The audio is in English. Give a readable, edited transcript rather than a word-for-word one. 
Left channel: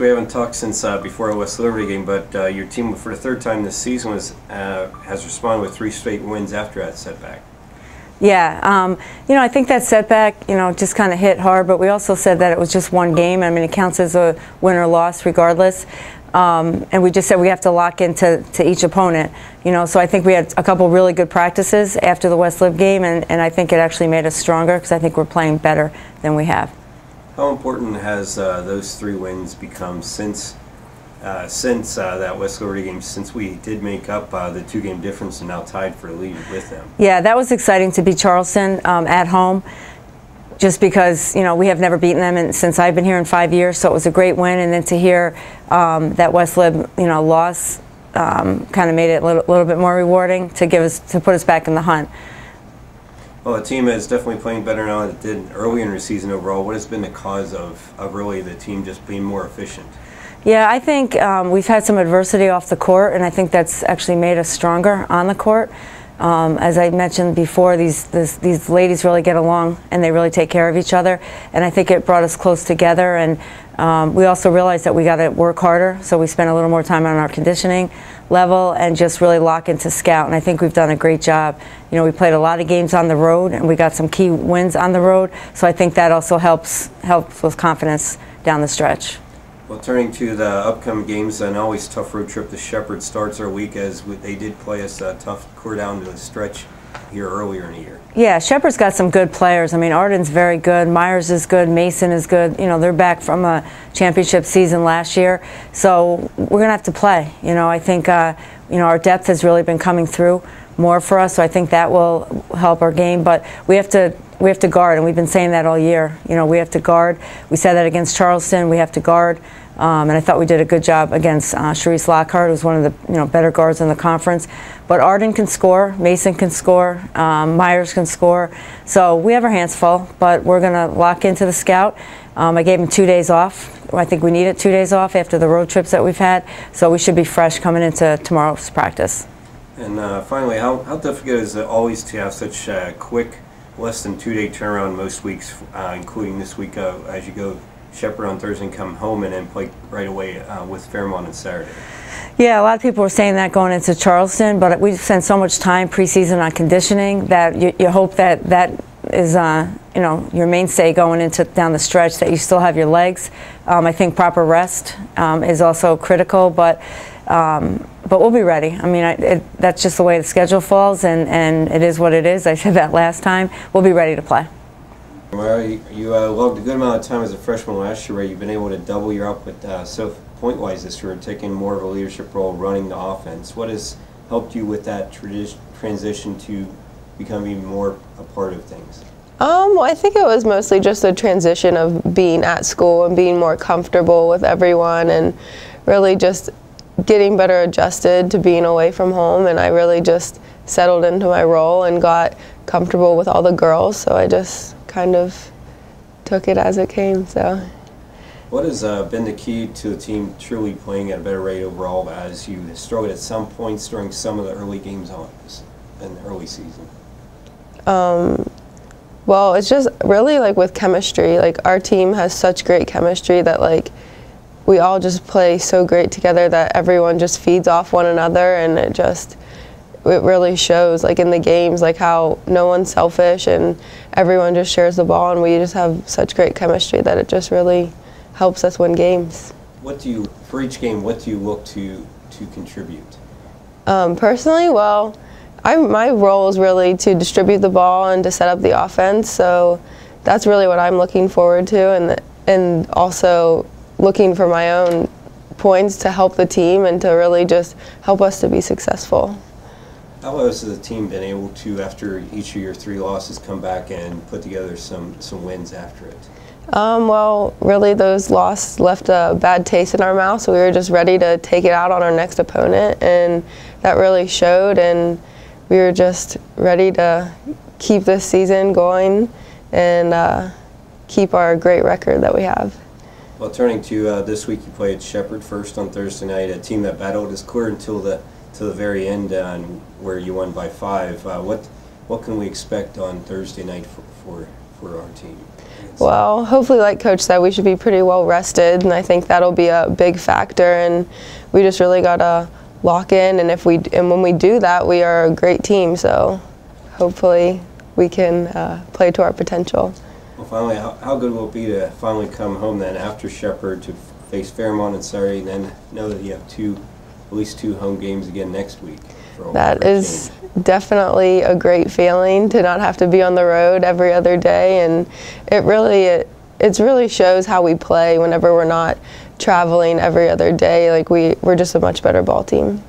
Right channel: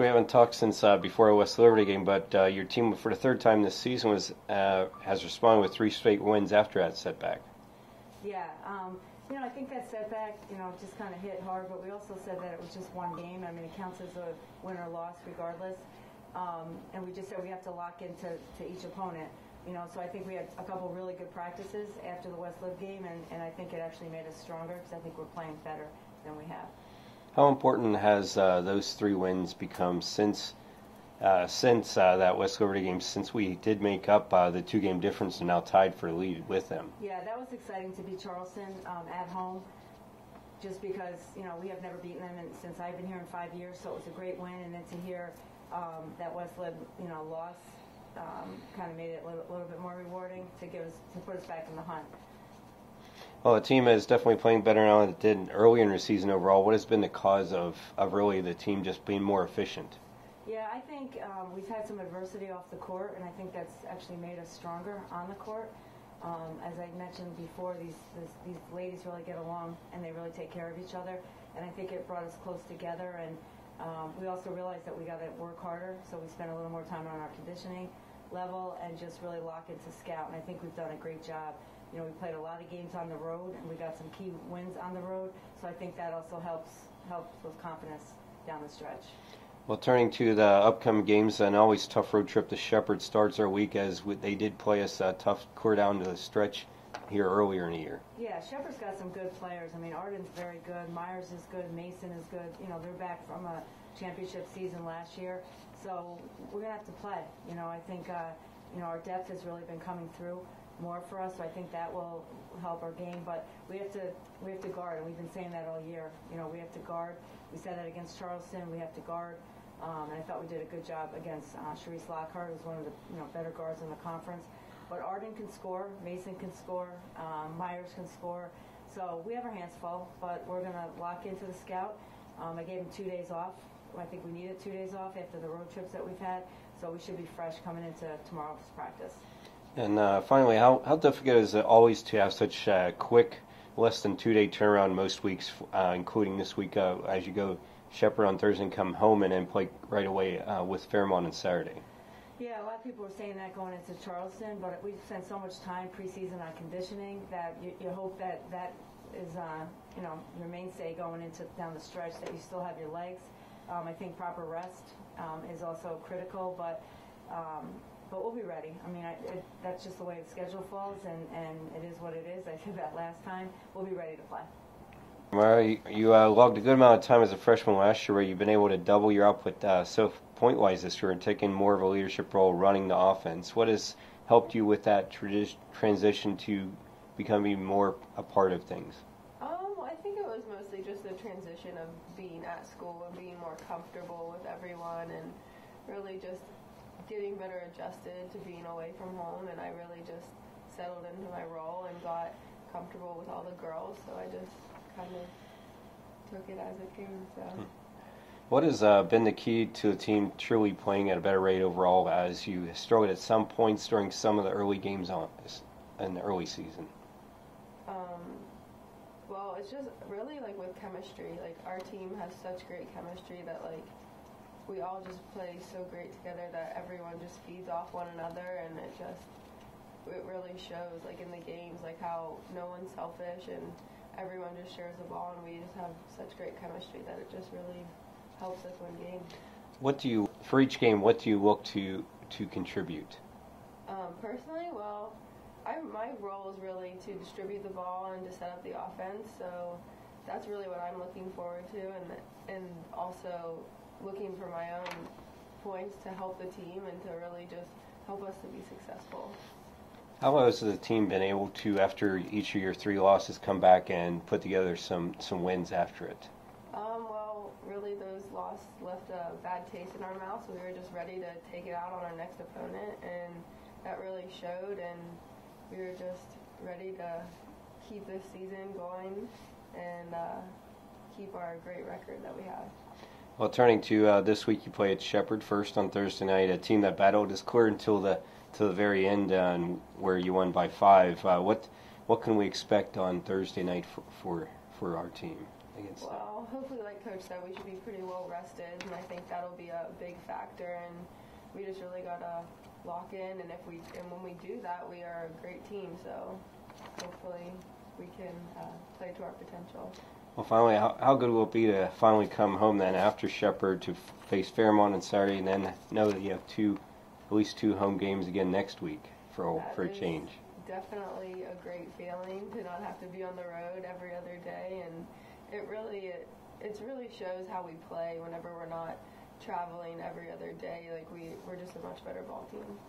we haven't talked since before our West Liberty game, but your team for the third time this season has responded with 3 straight wins after that setback. Yeah, I think that setback, just kind of hit hard, but we also said that it was just one game. I mean, it counts as a win or loss regardless. And we just said we have to lock into each opponent. So I think we had a couple really good practices after the West Lib game, and I think it actually made us stronger because I think we're playing better than we have. How important has those 3 wins become since that West Liberty game, since we did make up the 2-game difference and now tied for the lead with them? Yeah, that was exciting to beat Charleston at home, just because we have never beaten them since I've been here in 5 years, so it was a great win. And then to hear that West Lib loss kind of made it a little bit more rewarding to put us back in the hunt. Well, the team is definitely playing better now than it did earlier in the season overall. What has been the cause of really the team just being more efficient? Yeah, I think we've had some adversity off the court, and I think that's actually made us stronger on the court. As I mentioned before, these ladies really get along and they really take care of each other, and I think it brought us close together. And we also realized that we got to work harder, so we spent a little more time on our conditioning level and just really lock into scout, and I think we've done a great job. We played a lot of games on the road, and we got some key wins on the road, so I think that also helps with confidence down the stretch. Well, turning to the upcoming games, an always tough road trip to Shepherd starts our week, as they did play us a tough core down to the stretch here earlier in the year. Yeah, Shepherd's got some good players. I mean, Arden's very good, Myers is good, Mason is good. They're back from a championship season last year, so we're going to have to play. I think our depth has really been coming through more for us, so I think that will help our game. But we have to guard, and we've been saying that all year. We have to guard. We said that against Charleston. We have to guard. And I thought we did a good job against Sharice Lockhart, who's one of the better guards in the conference. But Arden can score, Mason can score, Myers can score. So we have our hands full, but we're going to lock into the scout. I gave him 2 days off. I think we needed 2 days off after the road trips that we've had. So we should be fresh coming into tomorrow's practice. And finally, how difficult is it always to have such a quick, less than 2-day turnaround most weeks, including this week as you go Shepherd on Thursday and come home and then play right away with Fairmont on Saturday? Yeah, a lot of people were saying that going into Charleston, but we've spent so much time preseason on conditioning that you hope that is your mainstay going into down the stretch, that you still have your legs. I think proper rest is also critical, but we'll be ready. I mean, that's just the way the schedule falls, and it is what it is. I said that last time. We'll be ready to play. Myra, you logged a good amount of time as a freshman last year, where you've been able to double your output so point-wise this year and taking more of a leadership role running the offense. What has helped you with that transition to become even more a part of things? Well, I think it was mostly just a transition of being at school and being more comfortable with everyone, and really just getting better adjusted to being away from home. And I really just settled into my role and got comfortable with all the girls, so I just kind of took it as it came. So, what has been the key to the team truly playing at a better rate overall, as you struggled at some points during some of the early games in the early season? Well, it's just really like with chemistry. Like, our team has such great chemistry that we all just play so great together that everyone just feeds off one another, and it really shows in the games, how no one's selfish and everyone just shares the ball, and we just have such great chemistry that it just really helps us win games. For each game, what do you look to contribute? Personally, well, my role is really to distribute the ball and to set up the offense, so that's really what I'm looking forward to, and also looking for my own points to help the team and to really just help us to be successful. How has the team been able to, after each of your 3 losses, come back and put together some wins after it? Well, really those losses left a bad taste in our mouth, so we were just ready to take it out on our next opponent, and that really showed, and we were just ready to keep this season going and keep our great record that we have. Well, turning to this week, you played Shepherd first on Thursday night, a team that battled us clear until the very end, where you won by 5. What can we expect on Thursday night for our team? Well, hopefully, like Coach said, we should be pretty well rested, and I think that'll be a big factor. And we just really gotta lock in. And when we do that, we are a great team. So hopefully, we can play to our potential. Well, finally, how good will it be to finally come home then after Shepherd to face Fairmont on Saturday, and then know that you have at least two home games again next week? That is definitely a great feeling to not have to be on the road every other day, and it really shows how we play whenever we're not traveling every other day. Like we're just a much better ball team.